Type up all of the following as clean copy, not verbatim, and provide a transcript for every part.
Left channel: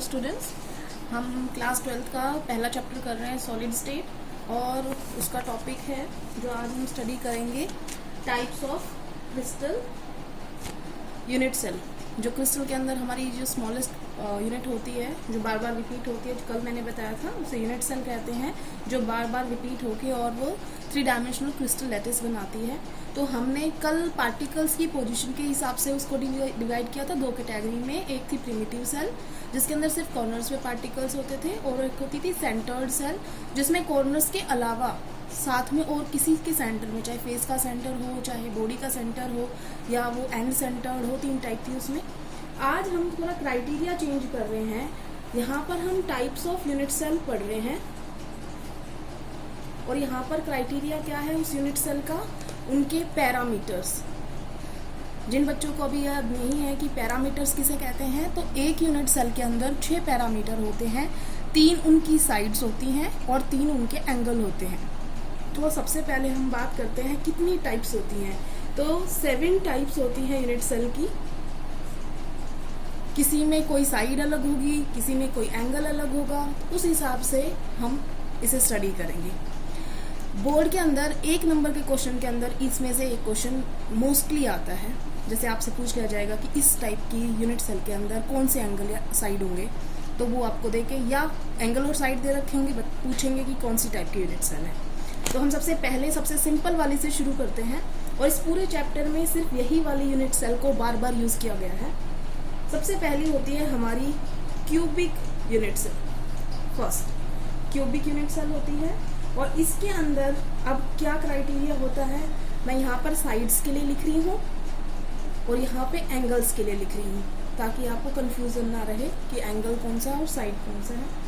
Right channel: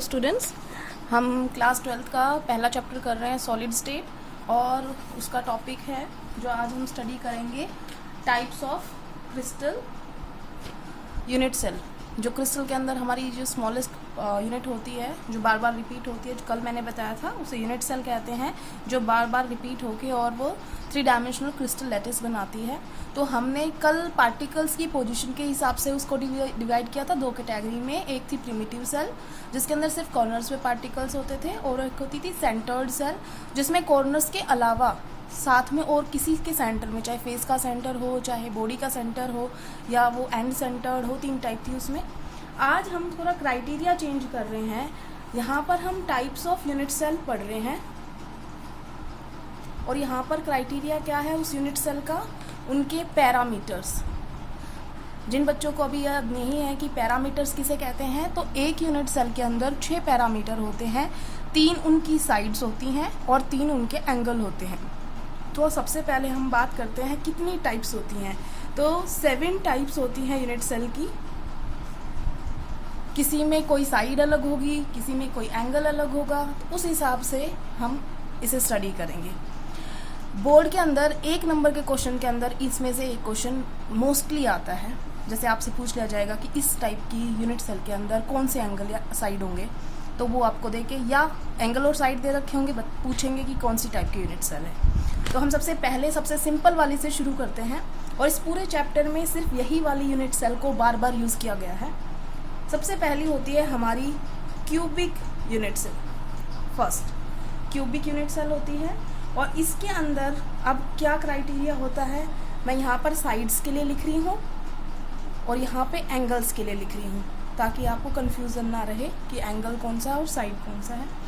Students, हम class 12 का पहला चैप्टर कर रहे हैं सॉलिड स्टेट और उसका टॉपिक है जो आज हम स्टडी करेंगे types of crystal unit cell. जो क्रिस्टल के अंदर हमारी जो स्मॉलेस्ट यूनिट होती है जो बार बार रिपीट होती है, जो कल मैंने बताया था उसे यूनिट सेल कहते हैं, जो बार बार रिपीट होके और वो 3 डायमेंशनल क्रिस्टल लैटिस बनाती है। तो हमने कल पार्टिकल्स की पोजीशन के हिसाब से उसको डिवाइड किया था 2 कैटेगरी में। एक थी प्रिमिटिव सेल जिसके अंदर सिर्फ कॉर्नर्स पे पार्टिकल्स होते थे, और एक होती थी सेंटर्ड सेल जिसमें कॉर्नर्स के अलावा साथ में और किसी के सेंटर में, चाहे फेस का सेंटर हो, चाहे बॉडी का सेंटर हो, या वो एंड सेंटर्ड हो, 3 टाइप थी उसमें। आज हम थोड़ा क्राइटेरिया चेंज कर रहे हैं। यहाँ पर हम टाइप्स ऑफ यूनिट सेल पढ़ रहे हैं और यहाँ पर क्राइटेरिया क्या है उस यूनिट सेल का, उनके पैरामीटर्स। जिन बच्चों को अभी याद नहीं है कि पैरामीटर्स किसे कहते हैं, तो एक यूनिट सेल के अंदर 6 पैरामीटर होते हैं, 3 उनकी साइड्स होती हैं और 3 उनके एंगल होते हैं। तो सबसे पहले हम बात करते हैं कितनी टाइप्स होती हैं। तो 7 टाइप्स होती हैं यूनिट सेल की। किसी में कोई साइड अलग होगी, किसी में कोई एंगल अलग होगा, उस हिसाब से हम इसे स्टडी करेंगे। बोर्ड के अंदर 1 नंबर के क्वेश्चन के अंदर इसमें से एक क्वेश्चन मोस्टली आता है। जैसे आपसे पूछ लिया जाएगा कि इस टाइप की यूनिट सेल के अंदर कौन से एंगल या साइड होंगे, तो वो आपको देके या एंगल और साइड दे रखे होंगे, पूछेंगे कि कौन सी टाइप की यूनिट सेल है। तो हम सबसे पहले सबसे सिंपल वाली से शुरू करते हैं, और इस पूरे चैप्टर में सिर्फ यही वाली यूनिट सेल को बार बार यूज किया गया है। सबसे पहली होती है हमारी cubic unit cell. First cubic unit cell होती है, और इसके अंदर अब क्या क्राइटेरिया होता है, मैं यहाँ पर साइड्स के लिए लिख रही हूँ और यहाँ पे एंगल्स के लिए लिख रही हूँ, ताकि आपको कंफ्यूजन ना रहे कि एंगल कौन सा है और साइड कौन सा है।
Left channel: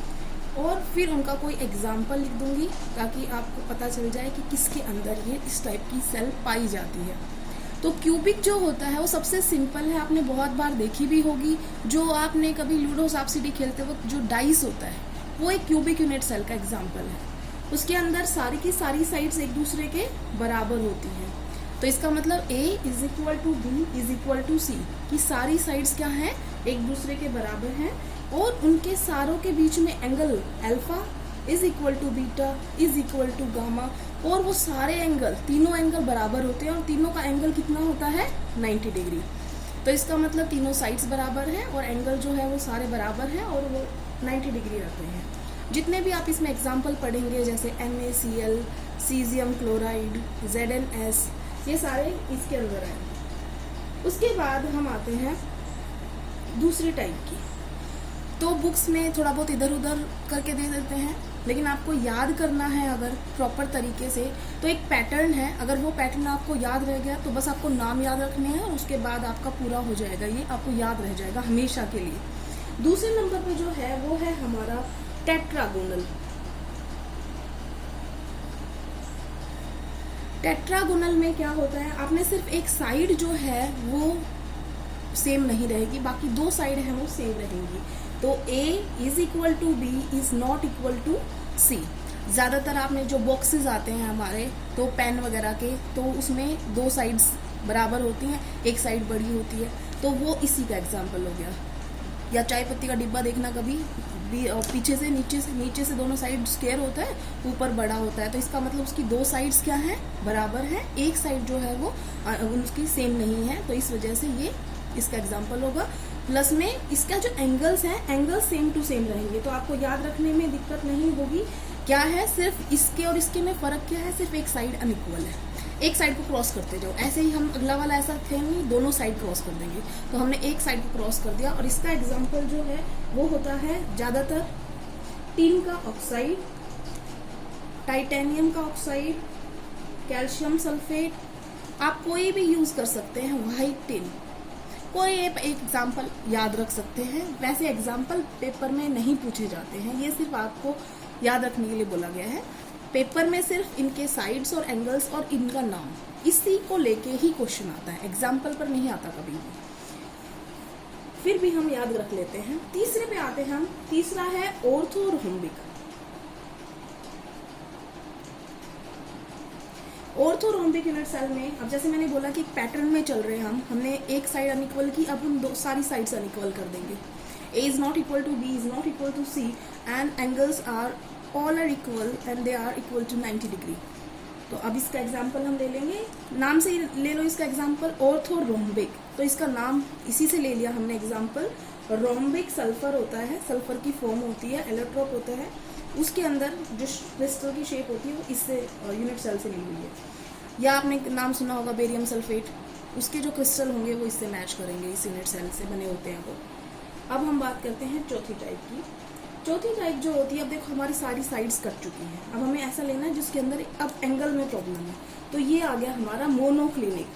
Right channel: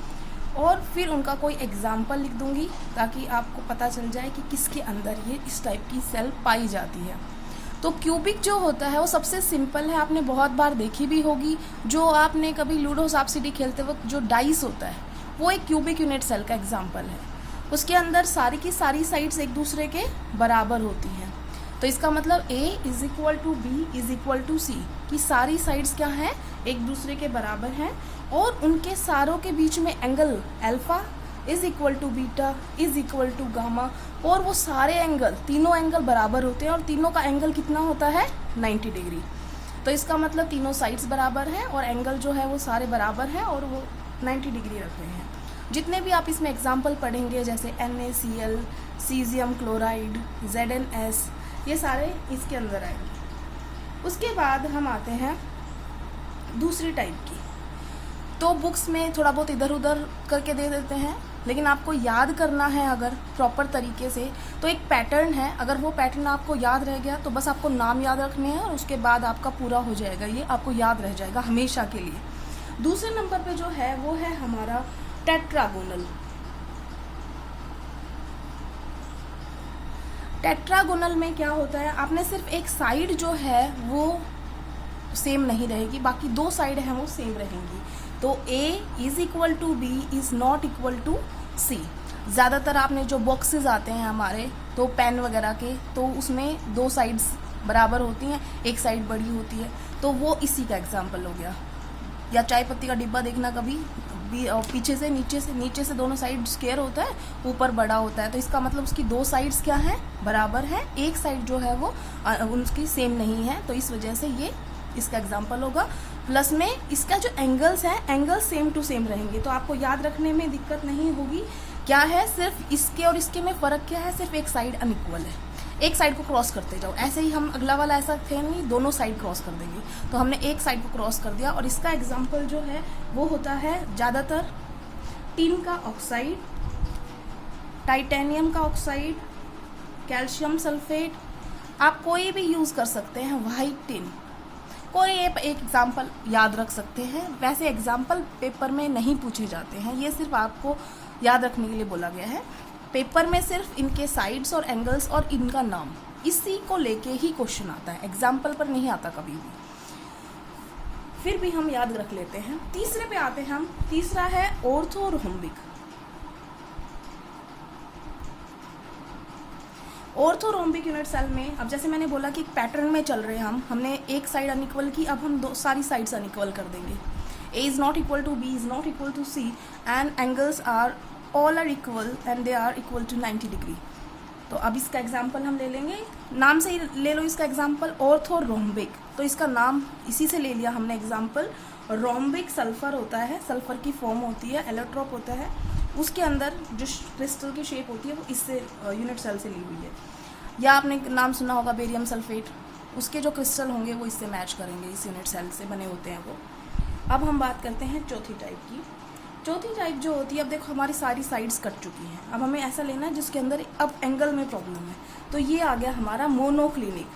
और फिर उनका कोई एग्जाम्पल लिख दूंगी ताकि आपको पता चल जाए कि किसके अंदर ये इस टाइप की सेल पाई जाती है। तो क्यूबिक जो होता है वो सबसे सिंपल है, आपने बहुत बार देखी भी होगी। जो आपने कभी लूडो सांप सीढ़ी खेलते वक्त जो डाइस होता है वो एक क्यूबिक यूनिट सेल का एग्जाम्पल है। उसके अंदर सारी की सारी साइड्स एक दूसरे के बराबर होती हैं। तो इसका मतलब A is equal to B is equal to C, की सारी साइड्स क्या हैं, एक दूसरे के बराबर हैं, और उनके सारों के बीच में angle alpha is equal to beta is equal to gamma, और वो सारे एंगल, तीनों एंगल बराबर होते हैं, और तीनों का एंगल कितना होता है 90 डिग्री। तो इसका मतलब तीनों साइड्स बराबर हैं और एंगल जो है वो सारे बराबर हैं और वो 90 डिग्री रखते हैं। जितने भी आप इसमें एग्जाम्पल पढ़ेंगे जैसे NaCl, सीजियम क्लोराइड, ZnS, ये सारे इसके अंदर आएंगे। उसके बाद हम आते हैं दूसरी टाइप की। तो बुक्स में थोड़ा बहुत इधर उधर करके दे देते हैं, लेकिन आपको याद करना है अगर प्रॉपर तरीके से, तो एक पैटर्न है। अगर वो पैटर्न आपको याद रह गया तो बस आपको नाम याद रखने हैं और उसके बाद आपका पूरा हो जाएगा, ये आपको याद रह जाएगा हमेशा के लिए। दूसरे नंबर पे जो है वो है हमारा टेट्रागोनल। टेट्रागोनल में क्या होता है, आपने सिर्फ एक साइड जो है वो सेम नहीं रहेगी, बाकी 2 साइड है वो सेम रहेंगी। तो A is equal to B is not equal to C। ज्यादातर आपने जो बॉक्सेस आते हैं हमारे तो पेन वगैरह के, तो उसमें 2 साइड्स बराबर होती हैं, एक साइड बड़ी होती है, तो वो इसी का एग्जाम्पल हो गया। या चाय पत्ती का डिब्बा देखना कभी, पीछे से नीचे से दोनों साइड स्क्वायर होता है, ऊपर बड़ा होता है, तो इसका मतलब उसकी 2 साइड्स क्या है, बराबर है। एक साइड जो है वो उनकी सेम नहीं है, तो इस वजह से ये इसका एग्जाम्पल होगा। प्लस में इसका जो एंगल्स है, एंगल्स सेम टू सेम रहेंगे, तो आपको याद रखने में दिक्कत नहीं होगी। क्या है, सिर्फ इसके और इसके में फर्क क्या है, सिर्फ एक साइड अनइक्वल है, एक साइड को क्रॉस करते जाओ। ऐसे ही हम अगला वाला ऐसा थे नहीं, दोनों साइड क्रॉस कर देंगे, तो हमने एक साइड को क्रॉस कर दिया। और इसका एग्जाम्पल जो है वो होता है ज्यादातर टिन का ऑक्साइड, टाइटेनियम का ऑक्साइड, कैल्शियम सल्फेट, आप कोई भी यूज कर सकते हैं, व्हाइट टिन, कोई एक एग्जाम्पल याद रख सकते हैं। वैसे एग्जाम्पल पेपर में नहीं पूछे जाते हैं, ये सिर्फ आपको याद रखने के लिए बोला गया है। पेपर में सिर्फ इनके साइड्स और एंगल्स और इनका नाम, इसी को लेके ही क्वेश्चन आता है, एग्जाम्पल पर नहीं आता कभी भी। फिर भी हम याद रख लेते हैं। तीसरे पे आते हैं हम। तीसरा है ऑर्थोरोम्बिक। ऑर्थोरोम्बिक यूनिट सेल में, अब जैसे मैंने बोला कि पैटर्न में चल रहे हैं हमने एक साइड अनइक्वल की, अब हम सारी साइड्स अनइक्वल कर देंगे। A is not equal to B is not equal to C and angles are all are equal and they are equal to 90 degree. तो अब इसका एग्जाम्पल हम ले लेंगे, नाम से ही ले लो इसका एग्जाम्पल, ऑर्थोरोम्बिक। तो इसका नाम इसी से ले लिया हमने एग्जाम्पल। रोम्बिक सल्फर होता है, सल्फर की फॉर्म होती है, एलोट्रोप होता है, उसके अंदर जो क्रिस्टल की शेप होती है वो इससे यूनिट सेल से ली हुई है। या आपने नाम सुना होगा बेरियम सल्फेट, उसके जो क्रिस्टल होंगे वो इससे मैच करेंगे, इस यूनिट सेल से बने होते हैं वो। अब हम बात करते हैं चौथी टाइप की। चौथी टाइप जो होती है, अब देखो हमारी सारी साइड्स कट चुकी हैं, अब हमें ऐसा लेना है जिसके अंदर अब एंगल में प्रॉब्लम है। तो ये आ गया हमारा मोनोक्लिनिक।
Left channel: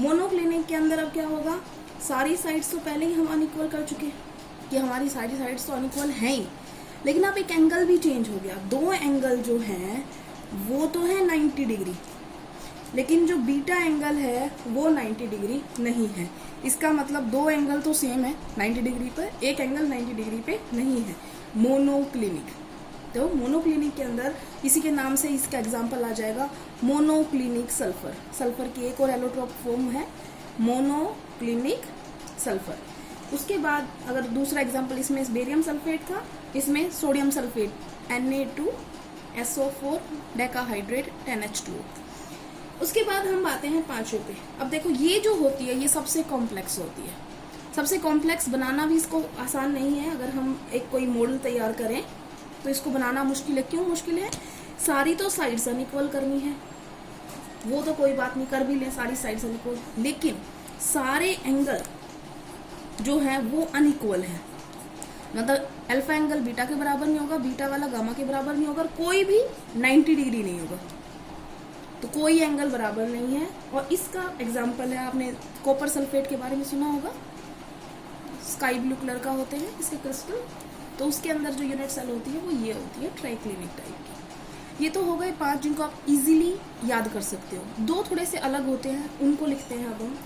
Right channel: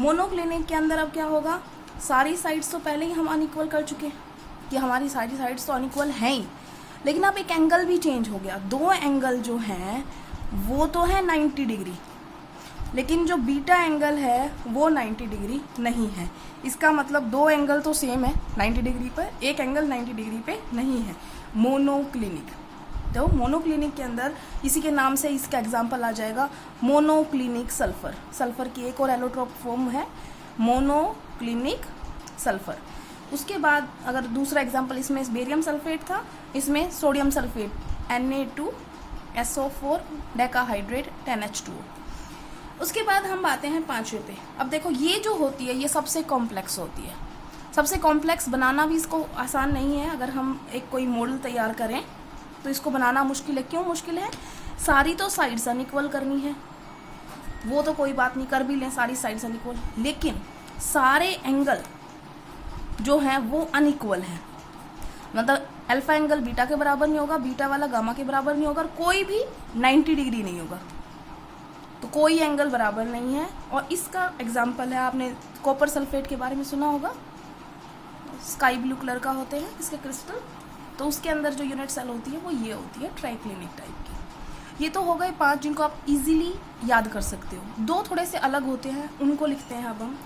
मोनोक्लिनिक के अंदर अब क्या होगा, सारी साइड्स तो पहले ही हम अनइक्वल कर चुके कि हमारी सारी साइड्स तो अनइक्वल हैं ही, लेकिन अब एक एंगल भी चेंज हो गया। दो एंगल जो हैं वो तो है 90 डिग्री, लेकिन जो बीटा एंगल है वो 90 डिग्री नहीं है। इसका मतलब दो एंगल तो सेम है 90 डिग्री पर, एक एंगल 90 डिग्री पे नहीं है। मोनोक्लिनिक। तो मोनोक्लिनिक के अंदर इसी के नाम से इसका एग्जांपल आ जाएगा मोनोक्लिनिक सल्फर। सल्फर की एक और एलोट्रोप फॉर्म है मोनोक्लिनिक सल्फर। उसके बाद अगर दूसरा एग्जांपल, इसमें बेरियम सल्फेट था, इसमें sodium sulphate Na2SO4 decahydrate 10H2O। उसके बाद हम आते हैं पांचवे पे। अब देखो ये जो होती है ये सबसे कॉम्प्लेक्स होती है। सबसे कॉम्प्लेक्स बनाना भी इसको आसान नहीं है। अगर हम एक कोई मॉडल तैयार करें तो इसको बनाना मुश्किल है। क्यों मुश्किल है? सारी तो साइड्स अनइक्वल करनी है, वो तो कोई बात नहीं, कर भी लें सारी साइड्स अनइक्वल, लेकिन सारे एंगल जो हैं वो अनइक्वल हैं। मतलब अल्फा एंगल बीटा के बराबर नहीं होगा, बीटा वाला गामा के बराबर नहीं होगा, कोई भी 90 डिग्री नहीं होगा, तो कोई एंगल बराबर नहीं है। और इसका एग्जाम्पल है, आपने कॉपर सल्फेट के बारे में सुना होगा, स्काई ब्लू कलर का होते हैं इसके क्रिस्टल, तो उसके अंदर जो यूनिट सेल होती है वो ये होती है ट्राइक्लिनिक टाइप की। ये तो हो गए 5 जिनको आप इजीली याद कर सकते हो। 2 थोड़े से अलग होते हैं, उनको लिखते हैं अब हम।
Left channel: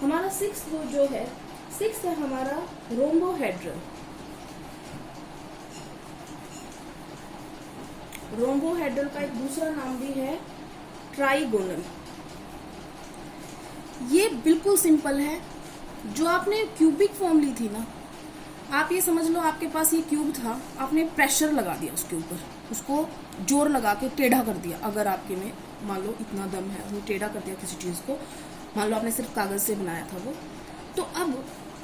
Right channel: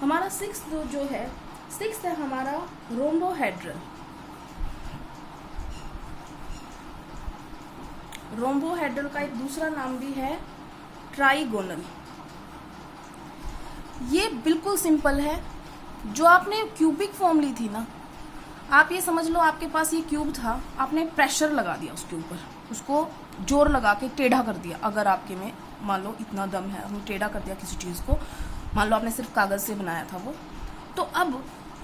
हमारा 6 जो है, 6 है हमारा रोम्बोहेड्रल। रोम्बोहेड्रल का एक दूसरा नाम भी है ट्राइगोनल। ये बिल्कुल सिंपल है। जो आपने क्यूबिक फॉर्म ली थी ना, आप ये समझ लो आपके पास ये क्यूब था, आपने प्रेशर लगा दिया उसके ऊपर, उसको जोर लगा के टेढ़ा कर दिया। अगर आपके में मान लो इतना दम है, हमने टेढ़ा कर दिया किसी चीज को, मान लो आपने सिर्फ कागज से बनाया था वो, तो अब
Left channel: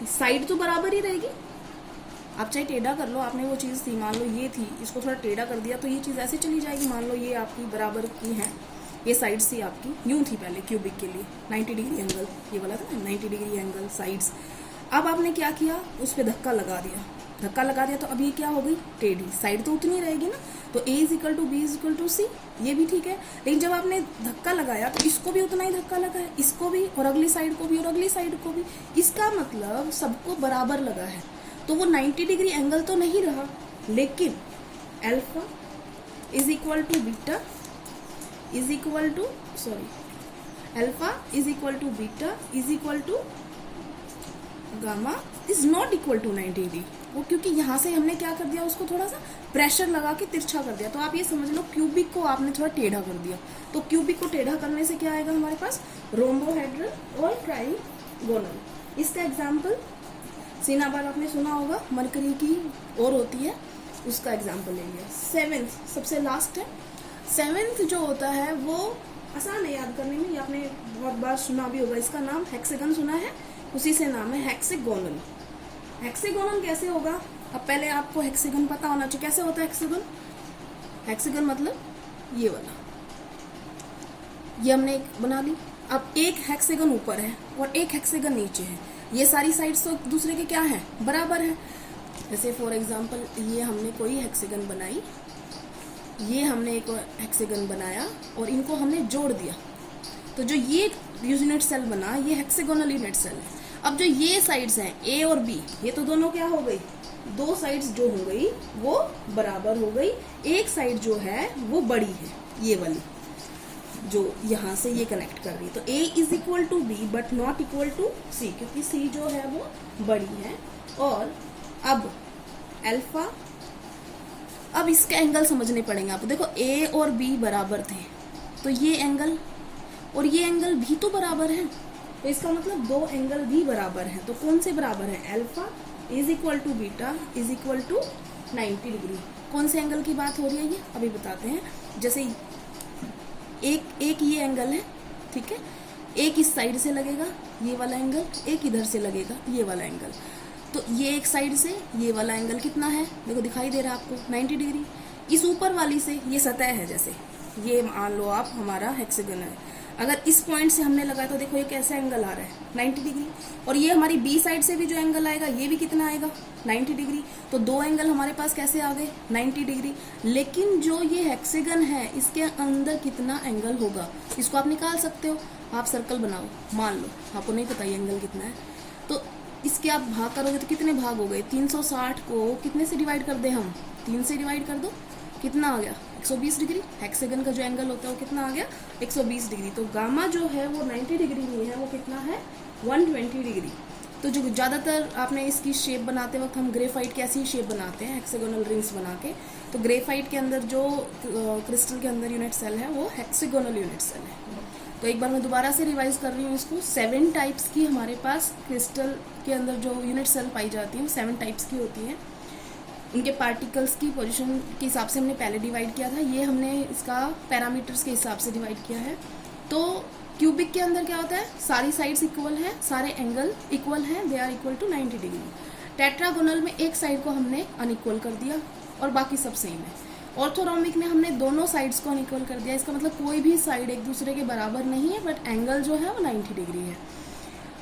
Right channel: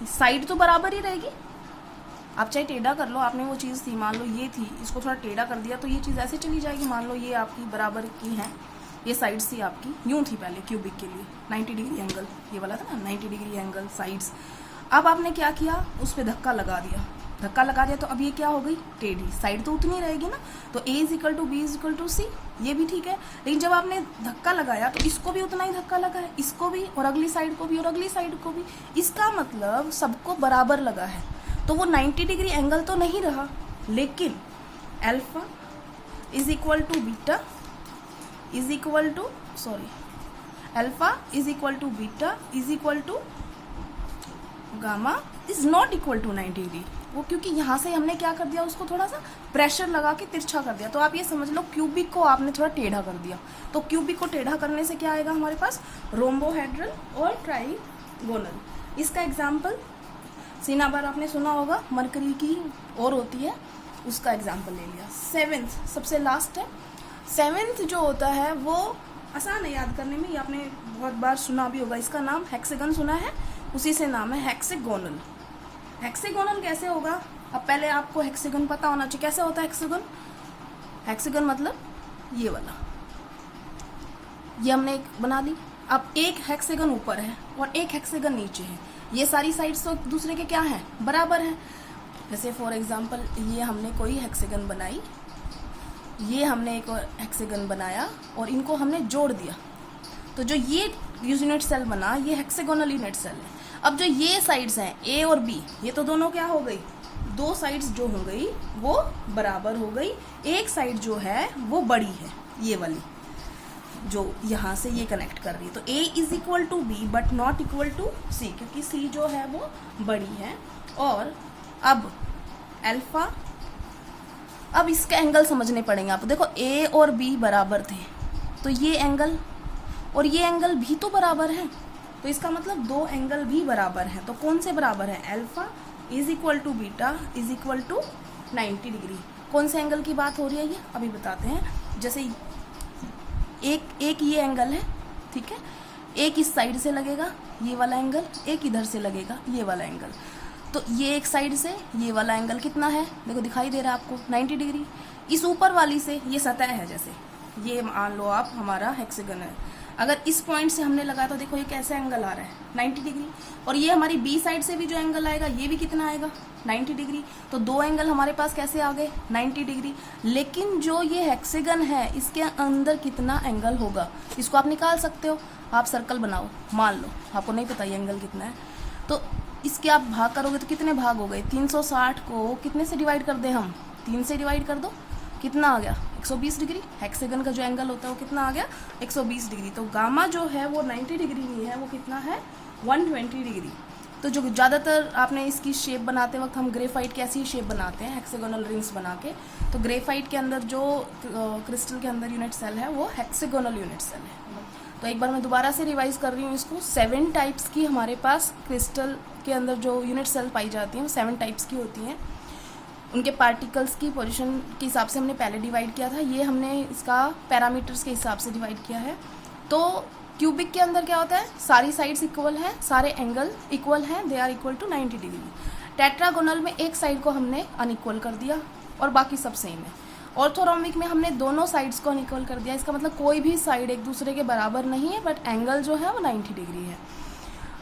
साइड तो बराबर ही रहेगी। आप चाहे टेढ़ा कर लो, आपने वो चीज थी, मान लो ये थी, इसको थोड़ा टेढ़ा कर दिया तो ये चीज ऐसे चली जाएगी। मान लो ये आपकी बराबर की है, ये साइड्स थी आपकी, यूं थी पहले क्यूबिक के लिए 90 डिग्री एंगल, ये वाला था ना 90 डिग्री एंगल साइड्स। अब आपने क्या किया, उस पर धक्का लगा दिया, धक्का लगा दिया तो अब ये क्या हो गई, टेढ़ी। साइड तो उतनी रहेगी ना, तो A = B = C, ये भी ठीक है। लेकिन जब आपने धक्का लगाया तो इसको भी उतना ही धक्का लगा है, इसको भी, और अगली साइड को भी, और अगली साइड को भी। इसका मतलब सबको बराबर लगा है, तो वो 90 डिग्री एंगल तो नहीं रहा, लेकिन alpha = gamma is not equal to 90 degree. वो क्योंकि यहां से हमने क्या कर दिया, उसको थोड़ा सा प्रेशर लगा के तिरछा कर दिया। तो आप ये समझ लो क्यूबिक को आपने थोड़ा टेढ़ा कर दिया, तो क्यूबिक को टेढ़ा करने से क्या आएगा हमारे पास, रोम्बोहेड्रल और ट्राइगोनल। इसका एग्जाम्पल सिनाबार आपने सुना होगा, मरकरी की और होती है, उसका एग्जाम्पल ले लिया। 7th सबसे लास्ट है। 7th जो होता है वो आसान है याद करने में, ये आपने बहुत बार सुना भी होगा। इसका नाम हेक्सागन सुना है, उसी से नाम है हेक्सागोनल। हेक्सागोनल कैसे होगा, अब पहले आपको हेक्सागन पता होना चाहिए। कैसे होता है हेक्सागन? हेक्सागन मतलब ये वाला, ये हमने एक बना ली। अब एक हेक्सागन ऊपर है और एक हेक्सागन नीचे है, ये सारी साइड्स तो दूसरे के क्या है, बराबर है। जैसे फॉर एग्जांपल ये हमने कोई हेक्सागन बनाई, ये हमने एक हेक्सागन बनाया और इनको हमने जोड़ दिया, तो जो ये यूनिट सेल बना ये हेक्सागोनल यूनिट सेल है। अब जो ये साइड्स हैं A और B, ये तो दोनों क्या हो गई, 2 साइड्स जो हो गई वो बराबर हो गई। एक साइड जो है वो बड़ी है, ये वाली जो यहां से ये कनेक्ट कर रही, तो A = B but not equal to C, क्योंकि C जो है वो बड़ी है। और अब अल्फा, अब इसके एंगल समझने पड़ेंगे आपको। देखो A और B बराबर थे, तो ये एंगल और ये एंगल भी तो बराबर है, तो इसका मतलब दो एंगल भी बराबर हैं। तो कौन से बराबर हैं? Alpha is equal to beta is equal to 90 degree. कौन से एंगल की बात हो रही है ये अभी बताते हैं। जैसे एक ये एंगल है, ठीक है, एक इस साइड से लगेगा ये वाला एंगल, एक इधर से लगेगा ये वाला एंगल। तो ये एक साइड से ये वाला एंगल कितना है? देखो दिखाई दे रहा है आपको 90 डिग्री। इस ऊपर वाली से ये सतह है, जैसे ये मान लो आप हमारा हेक्सागन है, अगर इस पॉइंट से हमने लगाया तो देखो ये कैसे एंगल आ रहा है 90 डिग्री। और ये हमारी बी साइड से भी जो एंगल आएगा ये भी कितना आएगा 90 डिग्री। तो दो एंगल हमारे पास कैसे आ गए 90 डिग्री। लेकिन जो ये हेक्सागन है इसके अंदर कितना एंगल होगा इसको आप निकाल सकते हो। आप सर्कल बनाओ, मान लो आपको नहीं पता ये एंगल कितना है, तो इसके आप भाग करोगे तो कितने भाग हो गए? 360 को कितने से डिवाइड कर दे हम? 3 से डिवाइड कर दो, कितना आ गया 120 डिग्री। हेक्सागन का जो एंगल होता है वो कितना आ गया 120 डिग्री। तो गामा जो है वो 90 डिग्री नहीं है, वो कितना है 120 डिग्री। तो जो ज्यादातर आपने इसकी शेप बनाते वक्त हम ग्रेफाइट की ऐसी शेप बनाते हैं हेक्सागोनल रिंग्स बना के। तो ग्रेफाइट के अंदर जो क्रिस्टल के अंदर यूनिट सेल है वो हेक्सागोनल यूनिट सेल है। तो एक बार मैं दोबारा से रिवाइज कर रही हूँ इसको। 7 टाइप्स की हमारे पास क्रिस्टल के अंदर जो यूनिट सेल पाई जाती है वो 7 टाइप्स की होती हैं। उनके पार्टिकल्स की पोजीशन के हिसाब से हमने पहले डिवाइड किया था, ये हमने इसका पैरामीटर्स के हिसाब से डिवाइड किया है। तो क्यूबिक के अंदर क्या होता है? सारी साइड्स इक्वल हैं, सारे एंगल इक्वल हैं, they are equal to 90 degree. Tetragonal में एक साइड को हमने अनइक्वल कर दिया और बाकी सब सेम है। ऑर्थोरोम्बिक में हमने दोनों साइड्स को अनइक्वल कर दिया। इसका मतलब कोई भी साइड एक दूसरे के बराबर नहीं है, बट एंगल जो है वो 90 डिग्री है।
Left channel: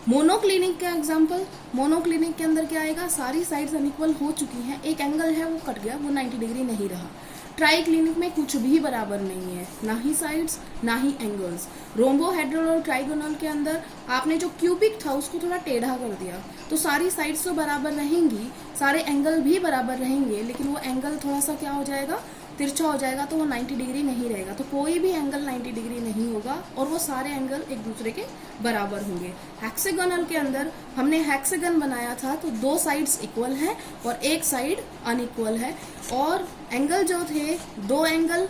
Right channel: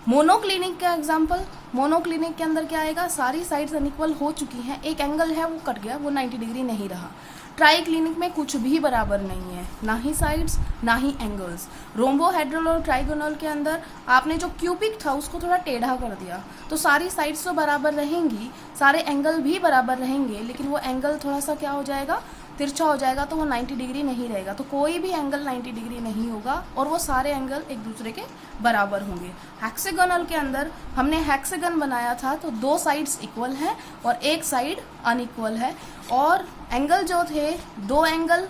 मोनोक्लिनिक का एग्जांपल, मोनोक्लिनिक के अंदर क्या आएगा? सारी साइड्स अनइक्वल हो चुकी हैं, एक एंगल है वो कट गया, वो 90 डिग्री नहीं रहा। ट्राइक्लिनिक में कुछ भी बराबर नहीं है, ना ही साइड्स ना ही एंगल्स। रोम्बोहेड्रल और ट्राइगोनल के अंदर आपने जो क्यूबिक था उसको थोड़ा टेढ़ा कर दिया, तो सारी साइड्स तो बराबर रहेंगी, सारे एंगल भी बराबर रहेंगे, लेकिन वो एंगल थोड़ा सा क्या हो जाएगा? तिरछा हो जाएगा, तो वो 90 डिग्री नहीं रहेगा। तो कोई भी एंगल 90 डिग्री नहीं होगा और वो सारे एंगल एक दूसरे के बराबर होंगे। हेक्सागोनल के अंदर हमने हेक्सागन बनाया था तो दो साइड्स इक्वल हैं और एक साइड अनइक्वल है। और एंगल जो थे, दो एंगल,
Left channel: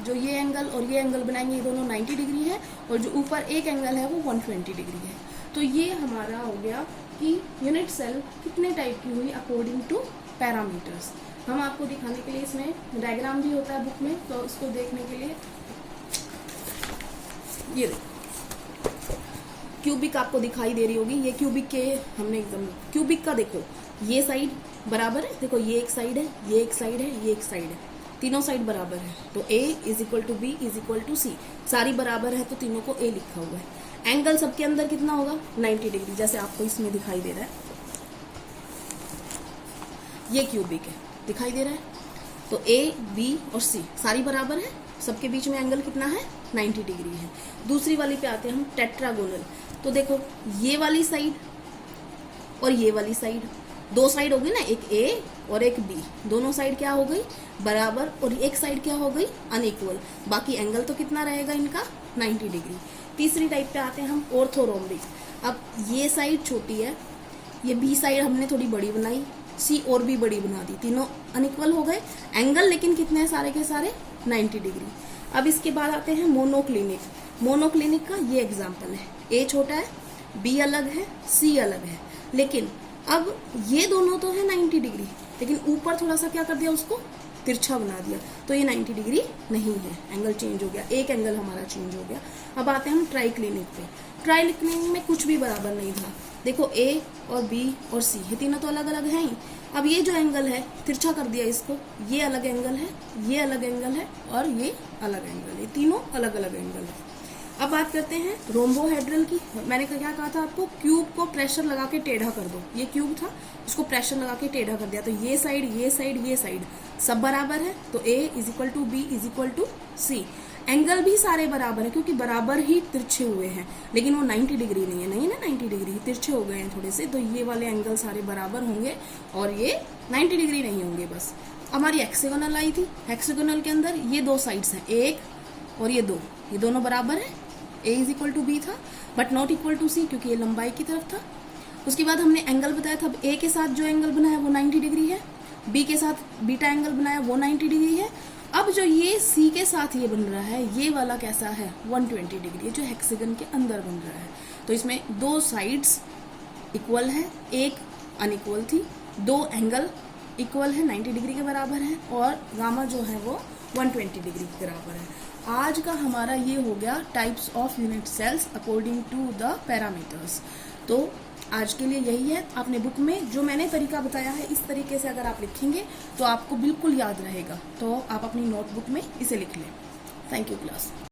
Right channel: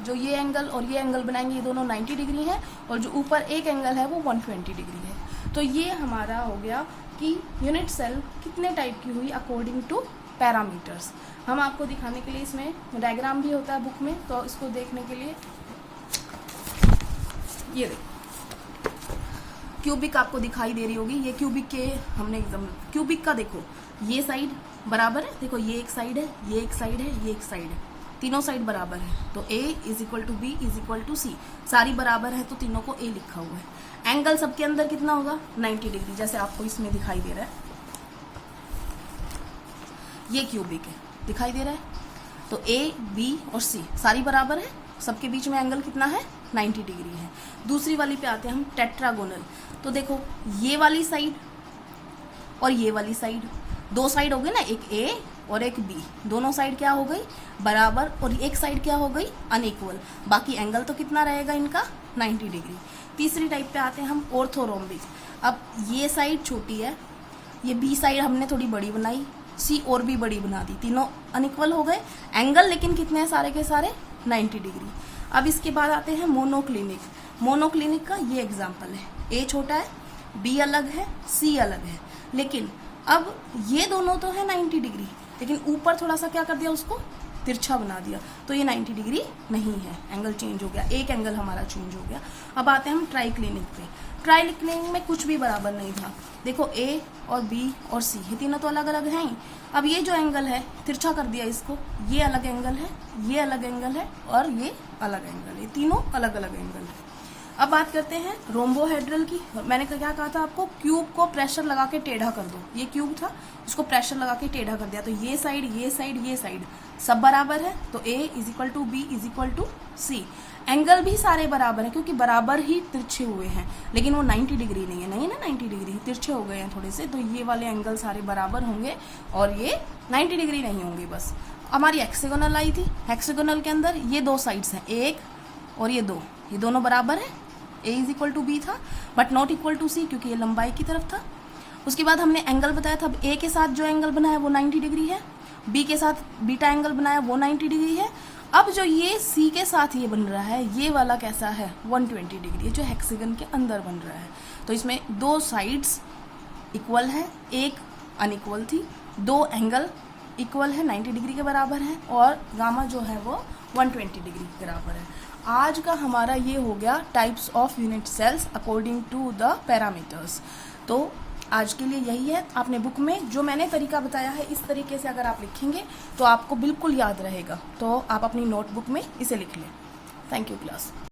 जो ये एंगल और ये एंगल बनाएंगे, ये दोनों 90 डिग्री है और जो ऊपर एक एंगल है वो 120 डिग्री है। तो ये हमारा हो गया कि यूनिट सेल कितने टाइप की हुई अकॉर्डिंग टू पैरामीटर्स। हम आपको दिखाने के लिए इसमें डायग्राम भी होता है बुक में, तो इसको देखने के लिए ये क्यूबिक आपको दिखाई दे रही होगी। ये क्यूबिक के हमने एकदम क्यूबिक का देखो, ये साइड बराबर है, देखो ये एक साइड है, ये एक साइड है, ये एक साइड है, तीनों साइड बराबर है। तो A is equal to B is equal to C, सारी बराबर है तो तीनों को A लिखा हुआ है। एंगल सबके अंदर कितना होगा 90 डिग्री, जैसे आपको इसमें दिखाई दे रहा है। ये क्यूबिक है, दिखाई दे रहा है। तो A, B और C सारी बराबर है, सबके बीच में एंगल कितना है 90 डिग्री है। दूसरी वाली पे आते हैं हम, टेट्रागोनल। तो देखो ये वाली साइड और ये वाली साइड, दो साइड हो गई ना, एक A और एक B, दोनों साइड क्या हो गई बराबर, और एक साइड क्या हो गई अनइक्वल। बाकी एंगल तो कितना रहेगा इनका 90 डिग्री। तीसरी टाइप पे आते हैं हम, ऑर्थोरोम्बिक। अब ये साइड छोटी है, ये B साइड हमने थोड़ी बड़ी बनाई, C और भी बड़ी बना दी, तीनों अनइक्वल हो गए, एंगल लेकिन कितने हैं सारे के सारे 90 डिग्री। अब इसके बाद आते हैं मोनोक्लिनिक। मोनोक्लिनिक का ये एग्जांपल है, A छोटा है, B अलग है, C अलग है, लेकिन अब ये दोनों तो है 90 डिग्री, लेकिन ऊपर थोड़ा सा क्या कर दिया, उसको तिरछा बना दिया, तो ये 90 डिग्री नहीं है, एंगल चेंज हो गया, एक एंगल हमारा चेंज हो गया। अब आते हैं हम ट्राइक्लिनिक पे। ट्राइक्लिनिक में कुछ भी बराबर नहीं था, देखो A और B और C ये तीनों तो अलग अलग हैं ही। अब ये जो एंगल है तिरछा कर दिया इसको, ये अलग एंगल है, ये अलग एंगल है और ये अलग एंगल है, तीनों अलग अलग एंगल है। अब बात करते हैं रोम्बोहेड्रल की। मैंने क्या कहा था आपको, क्यूब को प्रेशर लगा के टेढ़ा कर दो। ये क्यूब था, इसको प्रेशर लगा के टेढ़ा कर दिया, तो ये साइड ये साइड ये साइड सब बराबर है, तो A is equal to B is equal to C। Angle भी सारे बराबर है क्योंकि बराबर ही तिरछे हुए हैं, लेकिन वो 90 डिग्री नहीं है, नहीं ना 90 डिग्री, तिरछे हो गए हैं थोड़े से, तो ये वाले एंगल सारे बराबर होंगे और ये 90 डिग्री नहीं होंगे। बस हमारी हेक्सागोनल आई थी, हेक्सागोनल के अंदर ये दो साइड्स हैं, एक और ये दो, ये दोनों बराबर है, A is equal to B था but not equal to C क्योंकि ये लंबाई की तरफ था। उसके बाद हमने एंगल बताया था, A के साथ जो एंगल बनाया वो 90 डिग्री है, B के साथ बीटा एंगल बनाया वो 90 डिग्री है। अब जो ये C के साथ ये बन रहा है, ये वाला कैसा है 120 डिग्री, जो हेक्सागन के अंदर बन रहा है। तो इसमें 2 साइड्स इक्वल है, एक अनइक्वल थी, 2 एंगल इक्वल है 90 डिग्री के बराबर है और गामा जो है वो 120 डिग्री के बराबर है। आज का हमारा ये हो गया types of unit cells according to the parameters. तो आज के लिए यही है। आपने बुक में जो मैंने तरीका बताया है इस तरीके से अगर आप लिखेंगे तो आपको बिल्कुल याद रहेगा। तो आप अपनी नोटबुक में इसे लिख लें। Thank you class.